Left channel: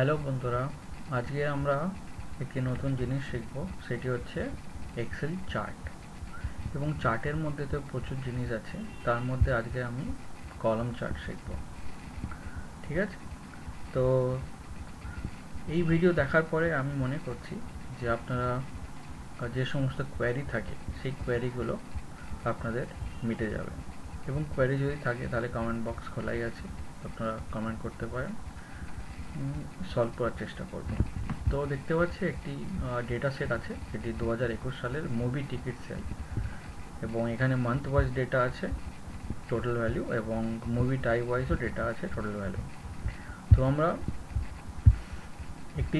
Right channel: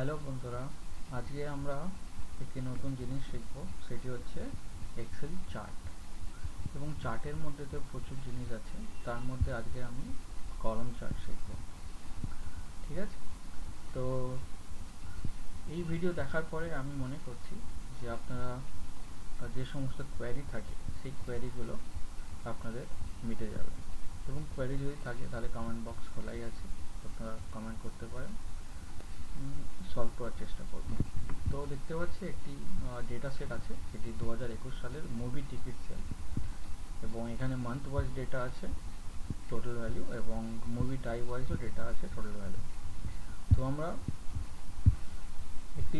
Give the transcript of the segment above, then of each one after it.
Hello বন্ধুরা, আজকে আমরা একটি নতুন জিনিস শিখব, সেটি হচ্ছে এক্সেল চার্ট। এবং চার্টের মধ্যে তো প্রচুর জিনিস আছে, তার মধ্যে আজকে আমি কলাম চার্ট শিখব। ঠিক আছে? তো এই ভিডিও দেখার পরে আমি মনে করছি যে আপনারা যে সমস্ত কোয়েরি থাকে সেই কোয়েরিগুলো আপনাদের মিটে যাবে। এবং কোয়েরি যদি থাকে তাহলে কমেন্ট বক্স খোলাই আছে, আপনারা কমেন্ট করতে পারেন, সলভ করার চেষ্টা করব। তো দেখতে পাচ্ছি একটি ডেটা সেট আছে, এটি 2021 সালের মুভি টিকিট সেল, এবং এখানে মান্থ ওয়াইজ ডেটা আছে টোটাল ভ্যালু, এবং মুভি টাইপ ওয়াইজও ডেটা আছে টোটাল ভ্যালু। তো আমরা একটি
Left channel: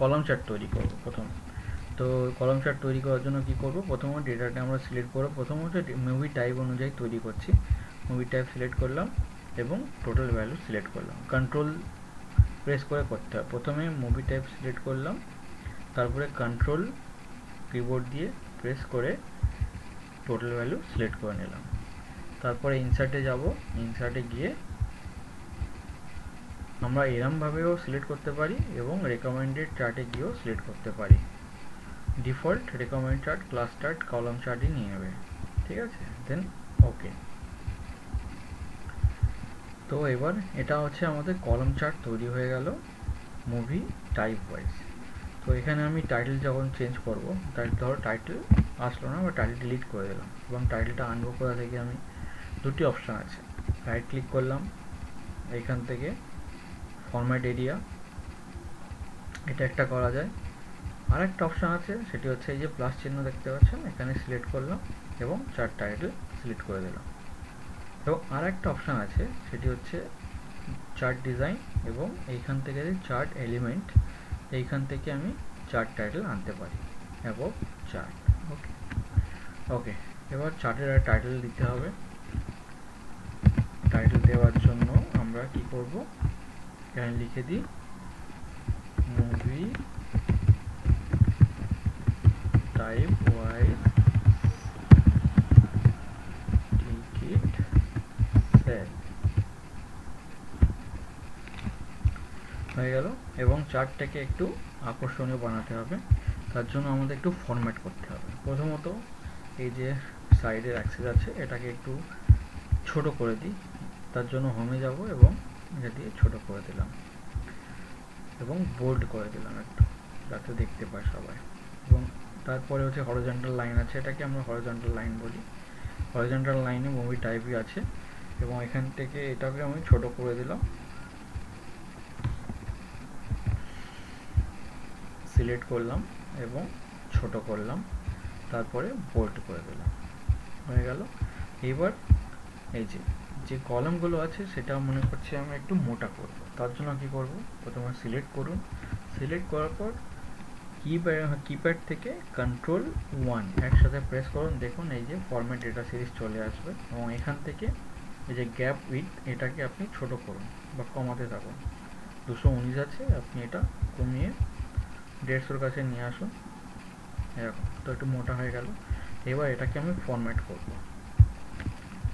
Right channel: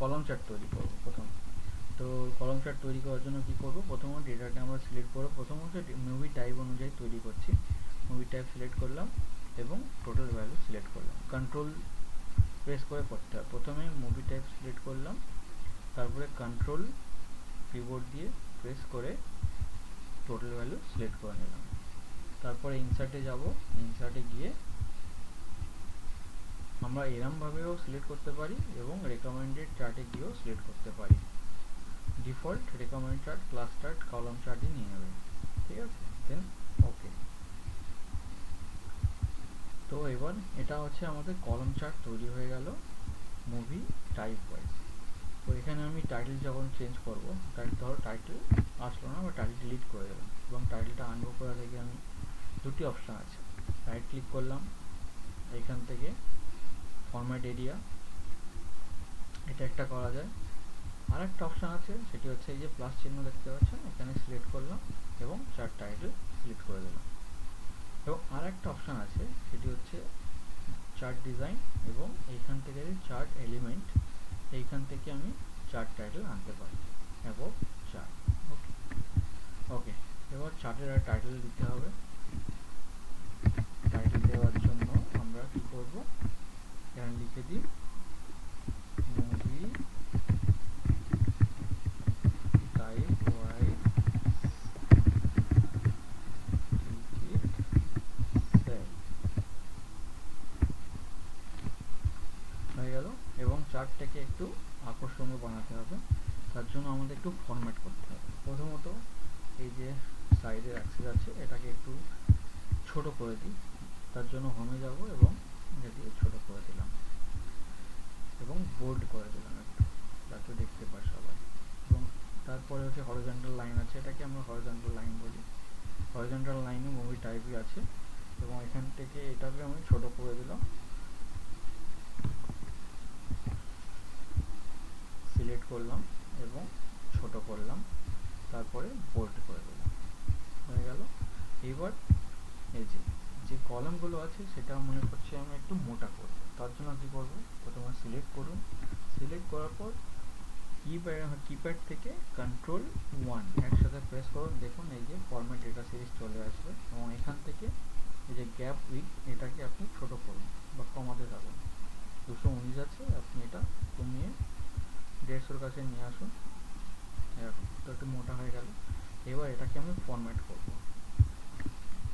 কলাম চার্ট তৈরি করব প্রথম। তো কলাম চার্ট তৈরি করার জন্য কি করব, প্রথমে ডেটাটা আমরা সিলেক্ট করব। প্রথম হচ্ছে মুভি টাইপ অনুযায়ী তৈরি করছি। মুভি টাইপ সিলেক্ট করলাম এবং টোটাল ভ্যালু সিলেক্ট করলাম। কন্ট্রোল প্রেস করে করতে হয়। প্রথমে মুভি টাইপ সিলেক্ট করলাম, তারপরে কন্ট্রোল কিবোর্ড দিয়ে প্রেস করে টোটাল ভ্যালু সিলেক্ট করে নিলাম। তারপরে ইনসার্টে যাব। ইনসার্টে গিয়ে আমরা এরমভাবেও সিলেক্ট করতে পারি এবং রেকমেন্ডেড চার্টে গিয়েও সিলেক্ট করতে পারি। Default recommend chart, class chart, column চার্টই নিয়ে নেবে। ঠিক আছে? দেন ওকে। তো এবার এটা হচ্ছে আমাদের কলাম চার্ট তৈরি হয়ে গেল মুভি টাইপ ওয়াইজ। তো এখানে আমি টাইটেল যখন চেঞ্জ করব, ধরো টাইটেল আসলো না, বা টাইটেল ডিলিট করে দিলাম, এবং টাইটেলটা আনবো কোথা থেকে, আমি দুটি অপশান আছে। রাইট ক্লিক করলাম, এখান থেকে ফরম্যাট এরিয়া, এটা একটা করা যায়। আর একটা অপশান আছে, সেটি হচ্ছে এই যে প্লাস চিহ্ন দেখতে পাচ্ছেন, এখানে সিলেক্ট করলাম এবং চার্ট টাইটেল সিলেক্ট করে দিলাম। এবং আর একটা অপশান আছে, সেটি হচ্ছে চার্ট ডিজাইন, এবং এইখান থেকে চার্ট এলিমেন্ট, এইখান থেকে আমি চার্ট টাইটেল আনতে পারি, অ্যাবভ চার্ট। ওকে ওকে এবার চার্টের টাইটেল দিতে হবে। টাইটেল দেওয়ার জন্য আমরা কি করব, এখানে লিখে দিই movie type wise ticket sell হয়ে গেল। এবং চার্টটাকে একটু আকর্ষণীয় বানাতে হবে, তার জন্য আমাদের একটু ফরম্যাট করতে হবে। প্রথমত এই যে সাইডের অ্যাক্সেস আছে, এটাকে একটু ছোট করে দিই। তার জন্য হোমে যাব এবং এটা দিয়ে ছোট করে দিলাম এবং বোল্ড করে দিলাম একটু, যাতে দেখতে পায় সবাই। এবং তারপরে হচ্ছে হরিজন্টাল লাইন আছে, এটাকে আমরা হরিজন্টাল লাইন বলি। হরিজন্টাল লাইনে মুভি টাইপই আছে, এবং এখান থেকে এটাকে আমি ছোট করে দিলাম, সিলেক্ট করলাম এবং ছোট করলাম, তারপরে বোল্ড করে দিলাম, হয়ে গেল। এবার এই যে কলামগুলো আছে, সেটা মনে করছি আমি একটু মোটা করব। তার জন্য কি করব, প্রথমে সিলেক্ট করুন। সিলেক্ট করার পর কিপ্যাড থেকে Ctrl+1 একসাথে প্রেস করুন। দেখুন এই যে ফরম্যাট ডেটা সিরিজ চলে আসবে, এবং এখান থেকে এই যে গ্যাপ উইথ, এটাকে আপনি ছোট করুন বা কমাতে থাকুন। 219 আছে, আপনি এটা কমিয়ে 150 কাছে নিয়ে আসুন, এরকম। তো একটু মোটা হয়ে গেল। এবার এটাকে আমি ফরম্যাট করব,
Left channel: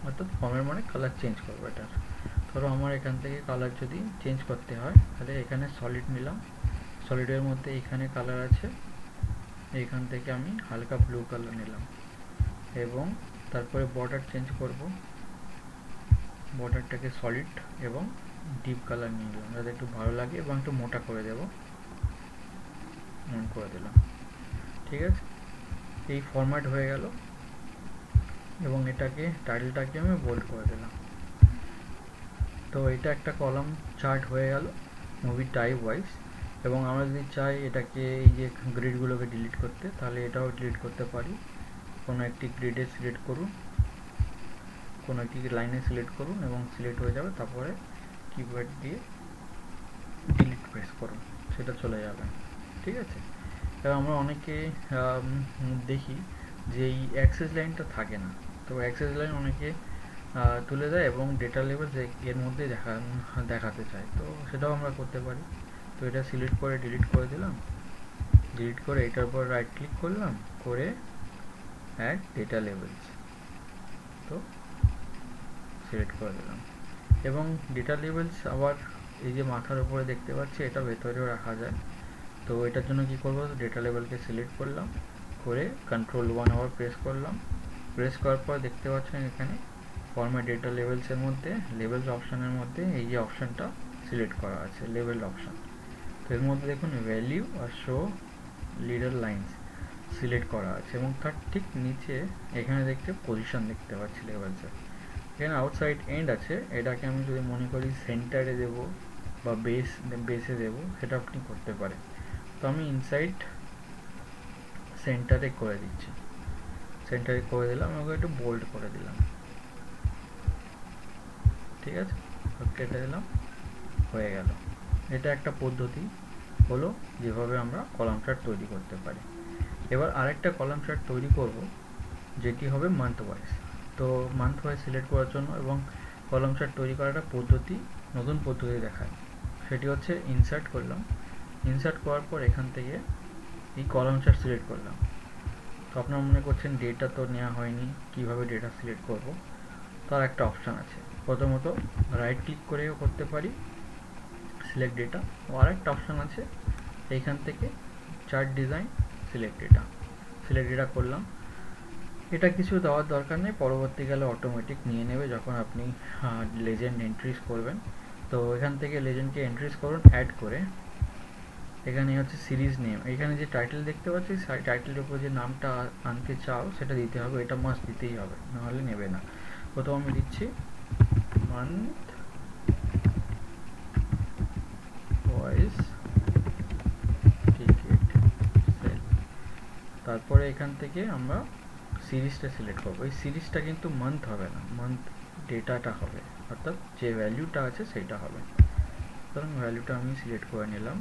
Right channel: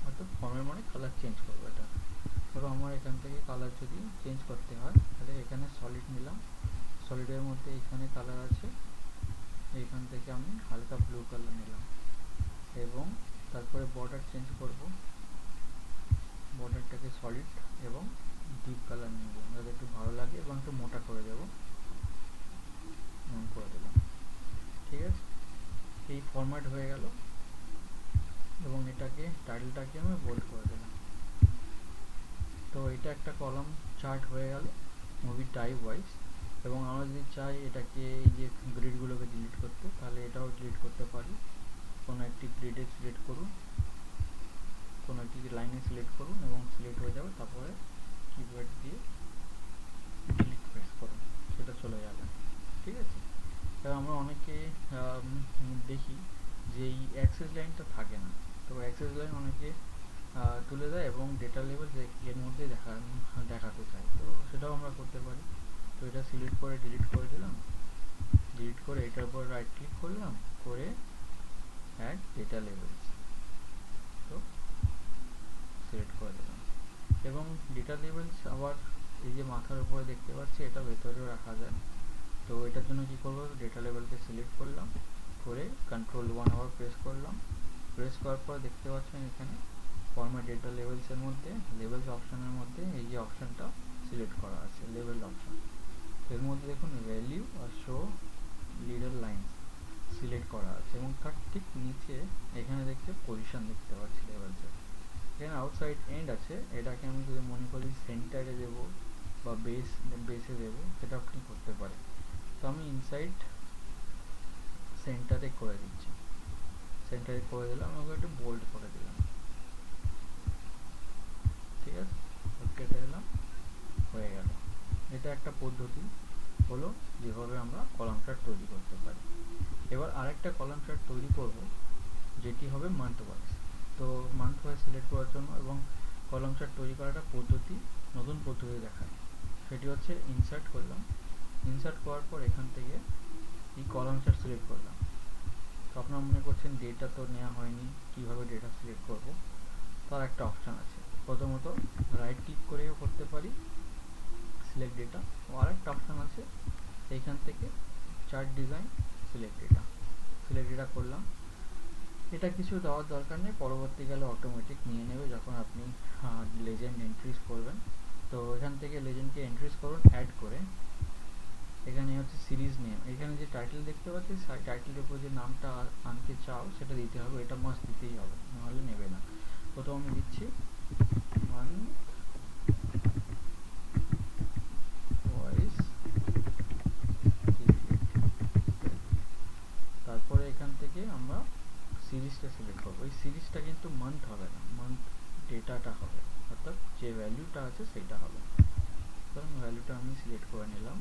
অর্থাৎ ফরম্যাট মানে কালার চেঞ্জ করবো এটার। ধরো আমার এখান থেকে কালার যদি চেঞ্জ করতে হয়, তাহলে এখানে সলিড নিলাম, সলিডের মধ্যে এখানে কালার আছে, এইখান থেকে আমি হালকা ব্লু কালার নিলাম, এবং তারপরে বর্ডার চেঞ্জ করব। বর্ডারটাকে সলিড এবং ডিপ কালার নিয়ে নিলাম, যাতে একটু ভালো লাগে, এবং একটু মোটা করে দেব, অন করে দিলাম। ঠিক আছে? এই ফরম্যাট হয়ে গেল, এবং এটাকে টাইটেলটাকে আমি বোল্ড করে দিলাম। তো এটা একটা কলাম চার্ট হয়ে গেল মুভি টাইপ ওয়াইজ। এবং আমরা যদি চাই এটাকে, এই যে গ্রিডগুলোকে ডিলিট করতে, তাহলে এটাও ডিলিট করতে পারি। কোনো একটি গ্রিডে সিলেক্ট করুন, কোনো একটি লাইনে সিলেক্ট করুন, এবং সিলেক্ট হয়ে যাবে। তারপরে কিবোর্ড দিয়ে ডিলিট প্রেস করুন, সেটা চলে যাবে। ঠিক আছে? এবার আমরা অনেকে দেখি যে এই অ্যাক্সেস লাইনটা থাকে না, তো অ্যাক্সেস লাইন অনেকে তুলে দেয় এবং ডেটা লেভেল এর মধ্যে দেখাতে চায়, তো সেটাও আমরা করতে পারি। তো এটা সিলেক্ট করে ডিলিট করে দিলাম, ডিলিট করে এটার উপর রাইট ক্লিক করলাম, করে অ্যাড ডেটা লেভেলস, তো সিলেক্ট করে দিলাম। এবং ডেটা লেভেলস আবার এই যে মাথার উপরে দেখতে পাচ্ছি এটা ভেতরেও রাখা যায়। তো এটার জন্য কি করব, ডেটা লেভেলকে সিলেক্ট করলাম, করে Ctrl+1 আবার প্রেস করলাম। প্রেস করার পর দেখতে পাচ্ছেন এখানে ফরম্যাট ডেটা লেভেলসের মধ্যে লেভেলস অপশনের মধ্যে এই যে অপশনটা সিলেক্ট করা আছে লেভেল অপশন। তো এর মধ্যে দেখুন ভ্যালিউ আর শো লিডার লাইন্স সিলেক্ট করা আছে এবং তার ঠিক নিচে এখানে দেখতে পজিশন দেখতে পাচ্ছি লেভেলসের। এখানে আউটসাইড এন্ড আছে, এটাকে আমি যদি মনে করি সেন্টারে দেব বা বেসে দেব, সেটা আপনি করতে পারেন। তো আমি ইনসাইড সেন্টারে করে দিচ্ছি, সেন্টারে করে দিলাম, আমাকে একটু বোল্ড করে দিলাম, ঠিক আছে, কেটে দিলাম, হয়ে গেল। এটা একটা পদ্ধতি হলো যেভাবে আমরা কলাম চার্ট তৈরি করতে পারি। এবার আরেকটা কলাম চার্ট তৈরি করব যেটি হবে মান্থ ওয়াইজ। তো মান্থ ওয়াইজ সিলেক্ট করার জন্য এবং কলাম চার্ট তৈরি করার একটা পদ্ধতি, নতুন পদ্ধতি দেখায়, সেটি হচ্ছে ইনসার্ট করলাম। ইনসার্ট করার পর এখান থেকে এই কলাম চার্ট সিলেক্ট করলাম। তো আপনারা মনে করছেন ডেটা তো নেওয়া হয়নি, কিভাবে ডেটা সিলেক্ট করব? তার একটা অপশান আছে। প্রথমত রাইট ক্লিক করেও করতে পারি সিলেক্ট ডেটা, ও আরেকটা অপশান আছে এইখান থেকে চার্ট ডিজাইন সিলেক্ট ডেটা করলাম। এটা কিছু দেওয়ার দরকার নেই, পরবর্তীকালে অটোমেটিক নিয়ে নেবে যখন আপনি লেজেন্ড এন্ট্রিজ করবেন। তো এখান থেকে লেজেন্ডকে এন্ট্রিজ করুন, অ্যাড করে এখানে হচ্ছে সিরিজ নেম, এখানে যে টাইটেল দেখতে পাচ্ছি টাইটেলের উপর যে নামটা আনতে চাও সেটা দিতে হবে, এটা মাস্ট দিতেই হবে, নাহলে নেবে না। প্রথম আমি দিচ্ছি মান্থ ওয়াইজ টিকিট সেল। তারপরে এখান থেকে আমরা সিরিজটা সিলেক্ট করবো। এই সিরিজটা কিন্তু মান্থ হবে না, মান্থ ডেটাটা হবে, অর্থাৎ যে ভ্যালুটা আছে সেটা হবে। সুতরাং ভ্যালুটা আমি সিলেক্ট করে নিলাম।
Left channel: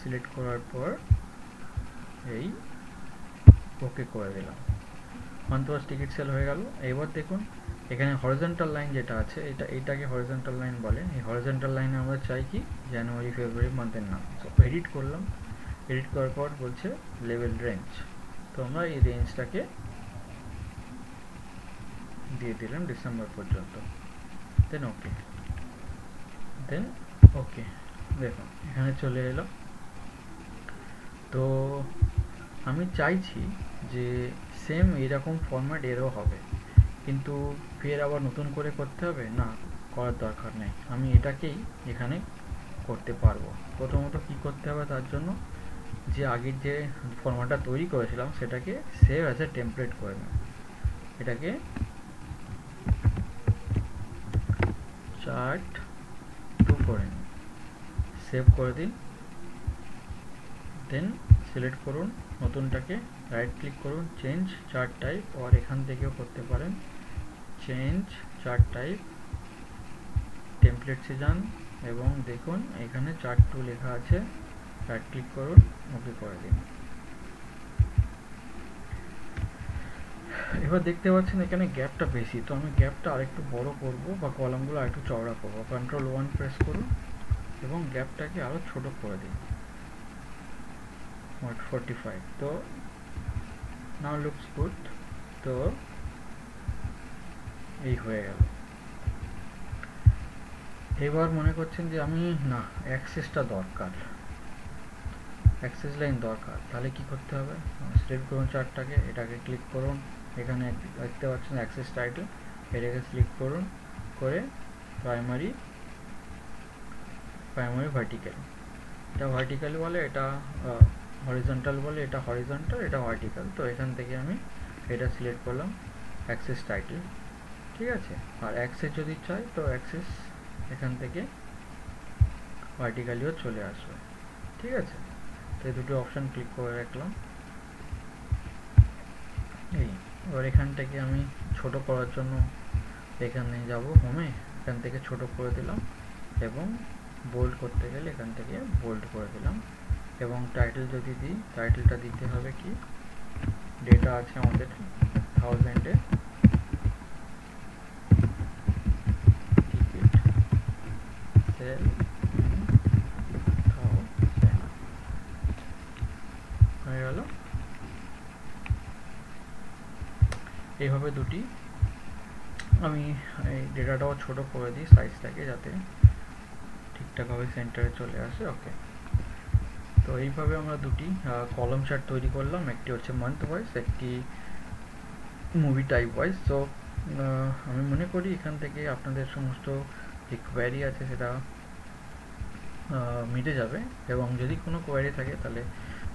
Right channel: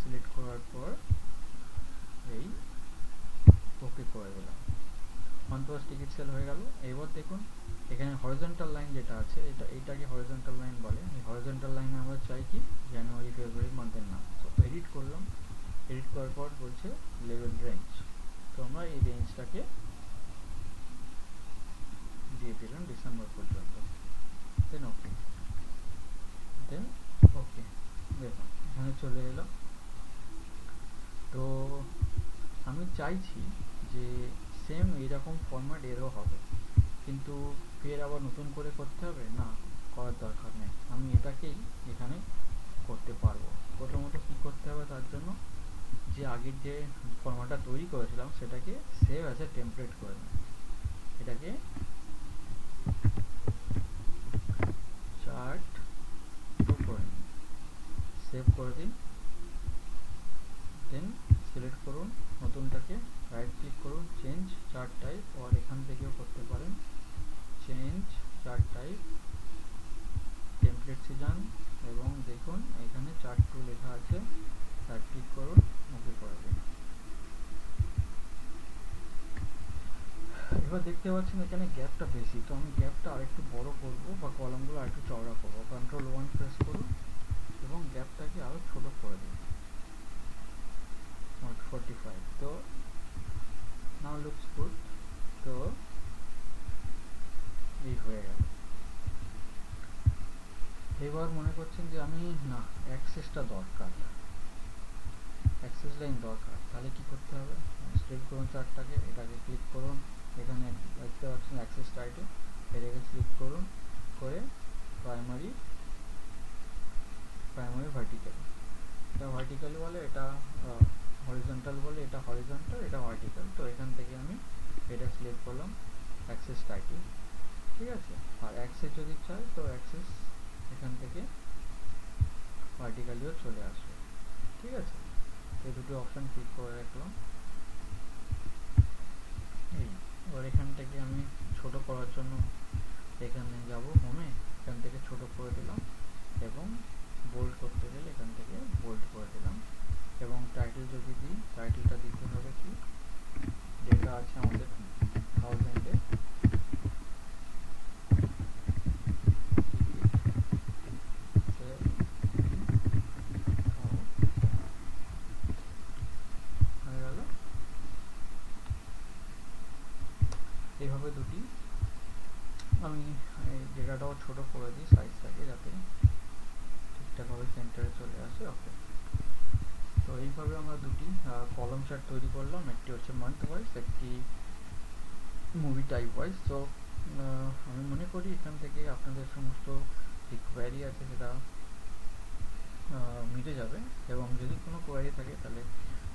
সিলেক্ট করার পর এই ওকে করে দিলাম, মান্থ ওয়াইজ টিকিট সেল হয়ে গেল। এবার দেখুন এখানে হরিজন্টাল লাইন যেটা আছে, এটাকে হরিজন্টাল লাইন বলে। এই হরিজন্টাল লাইনে আমরা চাই কি জানুয়ারি ফেব্রুয়ারি মান্থের নাম। তো এডিট করলাম, এডিট করার পর বলছে লেভেল রেঞ্জ, তো আমরা এই রেঞ্জটাকে দিয়ে দিলাম ডিসেম্বর পর্যন্ত, দেন ওকে, দেন ওকে। দেখুন এখানে চলে এলো। তো আমি চাইছি যে সেম এইরকম ফরম্যাট এরও হবে, কিন্তু ফের আবার নতুন করে করতে হবে না, করার দরকার নেই, আমি এটাকেই এখানে করতে পারবো। প্রথমত কি করতে হবে, তার জন্য যে আগের যে ফরম্যাটটা তৈরি করেছিলাম সেটাকে সেভ অ্যাজ এ টেমপ্লেট করে নেব। এটাকে চার্ট 2 করে নিন, সেভ করে দিন, দেন সিলেক্ট করুন নতুনটাকে, রাইট ক্লিক করুন, চেঞ্জ চার্ট টাইপ, আর এখান থেকেও করতে পারেন চেঞ্জ চার্ট টাইপ, টেমপ্লেটসে যান এবং দেখুন এখানে চার্ট 2 লেখা আছে, রাইট ক্লিক করুন, ওকে করে দিন। এবার দেখতে পাচ্ছেন এখানে গ্যাপটা বেশি, তো আমি গ্যাপটা আরেকটু বড় করব বা কলামগুলো আরেকটু চওড়া করব। Ctrl+1 প্রেস করুন এবং গ্যাপটাকে আরো ছোট করে দিন, 45। তো নাও লুকস গুড। তো এই হয়ে গেল। এবার মনে করছেন যে আমি না অ্যাক্সেসটা দরকার, অ্যাক্সেস লাইন দরকার, তাহলে কি করতে হবে, সিলেক্ট করুন চার্টটাকে, এটাকে ক্লিক করুন, এখানে দেখতে পাচ্ছেন অ্যাক্সেস টাইটেল, এটাকে সিলেক্ট করুন, করে প্রাইমারি ভার্টিক্যাল, এটা ভার্টিক্যাল বলে, এটা হরিজন্টাল বলে, এটা হরিজন্টাল, এটা ভার্টিক্যাল। তো এখান থেকে আমি এটা সিলেক্ট করলাম অ্যাক্সেস টাইটেল, ঠিক আছে। আর অ্যাক্সেস যদি চাই তো অ্যাক্সেস এখান থেকে ভার্টিক্যালিও চলে আসবে, ঠিক আছে। তো এই দুটো অপশান ক্লিক করে রাখলাম। এই এবার এখান থেকে আমি ছোট করার জন্য এখানে যাব হোমে, এখান থেকে ছোট করে দিলাম এবং বোল্ড করতে গেলে এখান থেকে বোল্ড করে দিলাম। এবং টাইটেল যদি দিই, টাইটেলটা দিতে হবে কি, ডেটা আছে আমাদের 1000-এ টিকিট সেল হয়ে গেল। এইভাবে দুটি আমি এই ডেটাটাও ছোট করে দিই সাইজটাকে, যাতে ঠিকঠাকভাবে সেন্টারে চলে আসে। ওকে, তো এইভাবে আমরা দুটি কলাম চার্ট তৈরি করলাম, একটি হচ্ছে মান্থ ওয়াইজ, একটি মুভি টাইপ ওয়াইজ। তো আমি মনে করি এখান থেকে আপনাদের সমস্ত যে কোয়ারি আছে সেটা মিটে যাবে, এবং যদি কোনো কোয়ারি থাকে তাহলে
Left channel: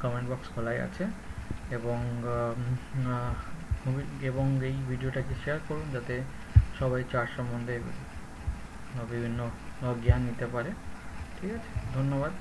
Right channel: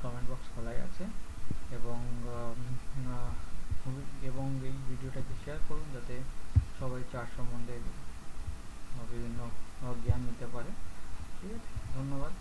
কমেন্ট বক্স খোলাই আছে, এবং এবং এই ভিডিওটাকে শেয়ার করুন যাতে সবাই চার্ট সম্বন্ধে বিভিন্ন জ্ঞান নিতে পারে। ঠিক আছে, ধন্যবাদ।